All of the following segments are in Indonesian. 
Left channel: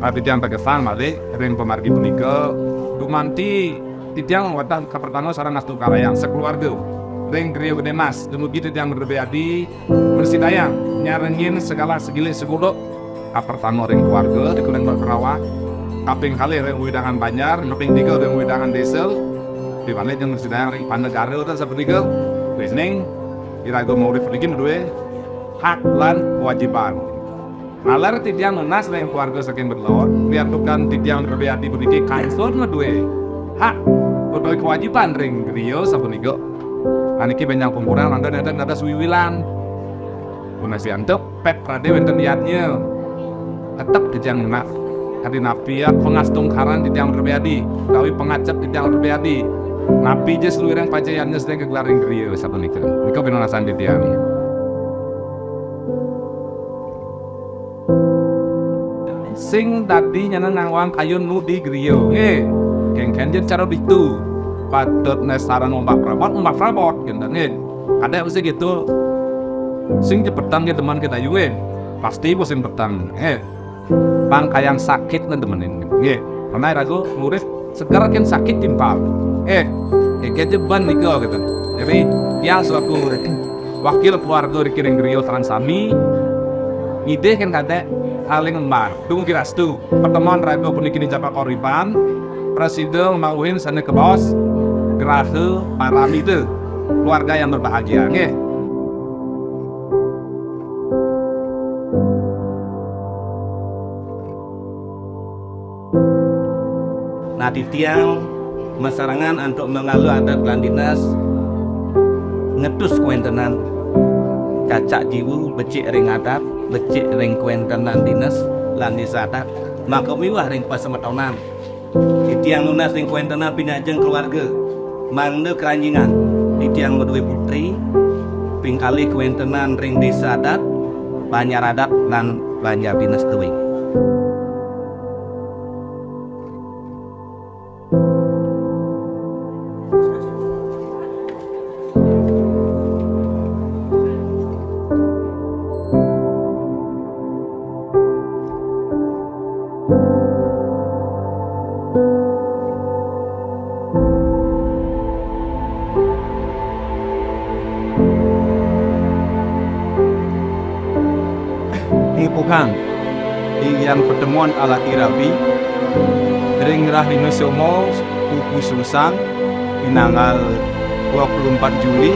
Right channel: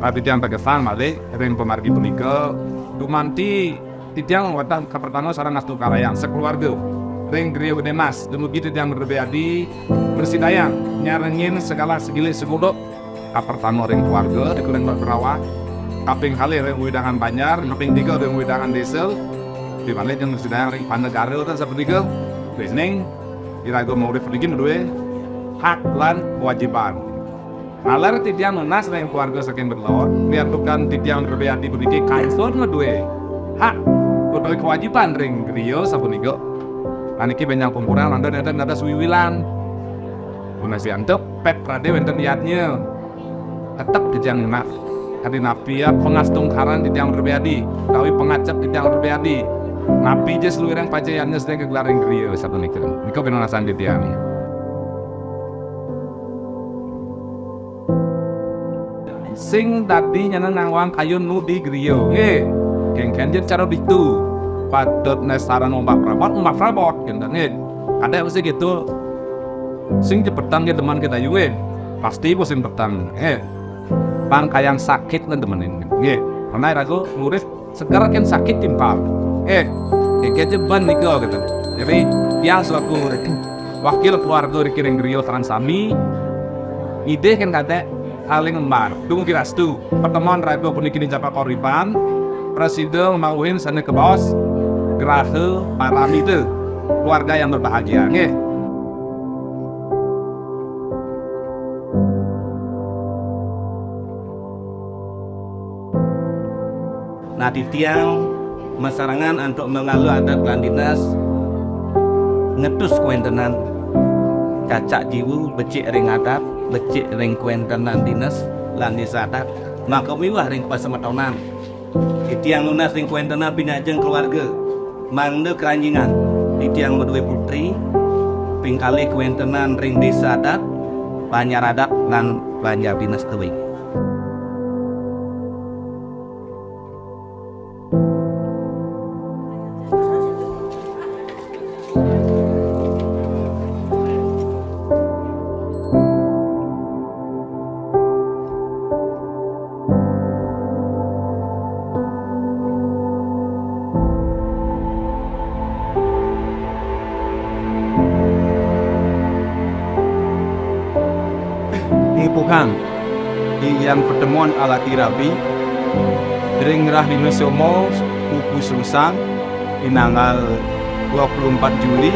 titiang terkesan male ring pemargi punika dumanti titiang watah kapertama sareng astu karayang sekeluarga ring griya gede mas dumugi titiang berbeadi bersidayang nyarengin segala segili seguduk kapertama ring keluarga dikuning berawak kaping kali ring widangan Banjar kaping 3 ring widangan Desel di mana yang bersidayang ring Panegara itu seperti itu listening irago mau diperdikin dua hak lan kewajiban. Nalar titiang menas yang keluarga saking berlawan, biar bukan titiang berbeadi berdiki kaisor ngedue hak atau kewajiban ring griyo sapunika. Aniki benjang kumpuran anda nada suwiwilan. Punasi antuk pep prade wenten liatnya. Tetap titiang nak hari napi ya pengastung karan titiang berbeadi, tawi pengacap titiang berbeadi. Napi je seluruh yang pajayannya sedang kegelaring griyo sapunika. Niko benonasan titiang ni. Sing tadi nyana nangwang kayu nu di griyo keng cara itu patut nesaran ombak prabot gitu ada apa sih gitu sing jepetan ke teman kita juga pasti bosin petang bang kayang sakit nih temenin karena ragu murid sekarang kan sakit timpal kejeban nih kau gitu jadi yang selaku wakil keluarga dikiring griyo transami ide kan kata aling embar, tunggu kira stu pertemuan ragu punikin japa koriban presiden mauin sana ke bos gerahe parami itu keluarga yang berbahagia nah titiang masarangan untuk mengalu adat lan dinas ngetus kuentenan cacak jiwu becik ring adat becik ring kuentenan dinas lan disadat maka miwah ring pasemetonan titiang lunas ring kuentenan pinajeng keluarga mangde keranjingan titiang medue putri pingkali kuentenan ring desa adat Banjar adat lan Banjar dinas teuing. Pukang yang pertemuan ala tirabi ring Rahlino Somo Pupu Sungsang Inanggal 24 Juli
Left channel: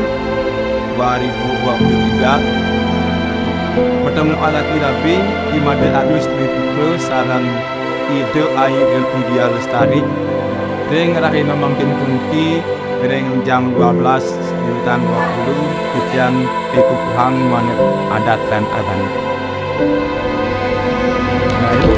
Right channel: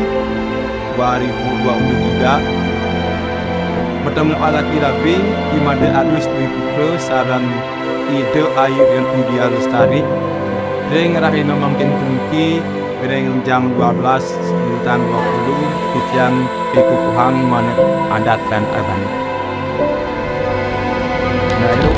2023 bertemu ala tirabi Imade Agus Dwi Putra sarang Ide Ayu Yudia Lestari ring Rahlino Mangkin Pungki ring jam 12 Bintan 20 titian Pikukuhang Manet Adat dan Adan. Nah itu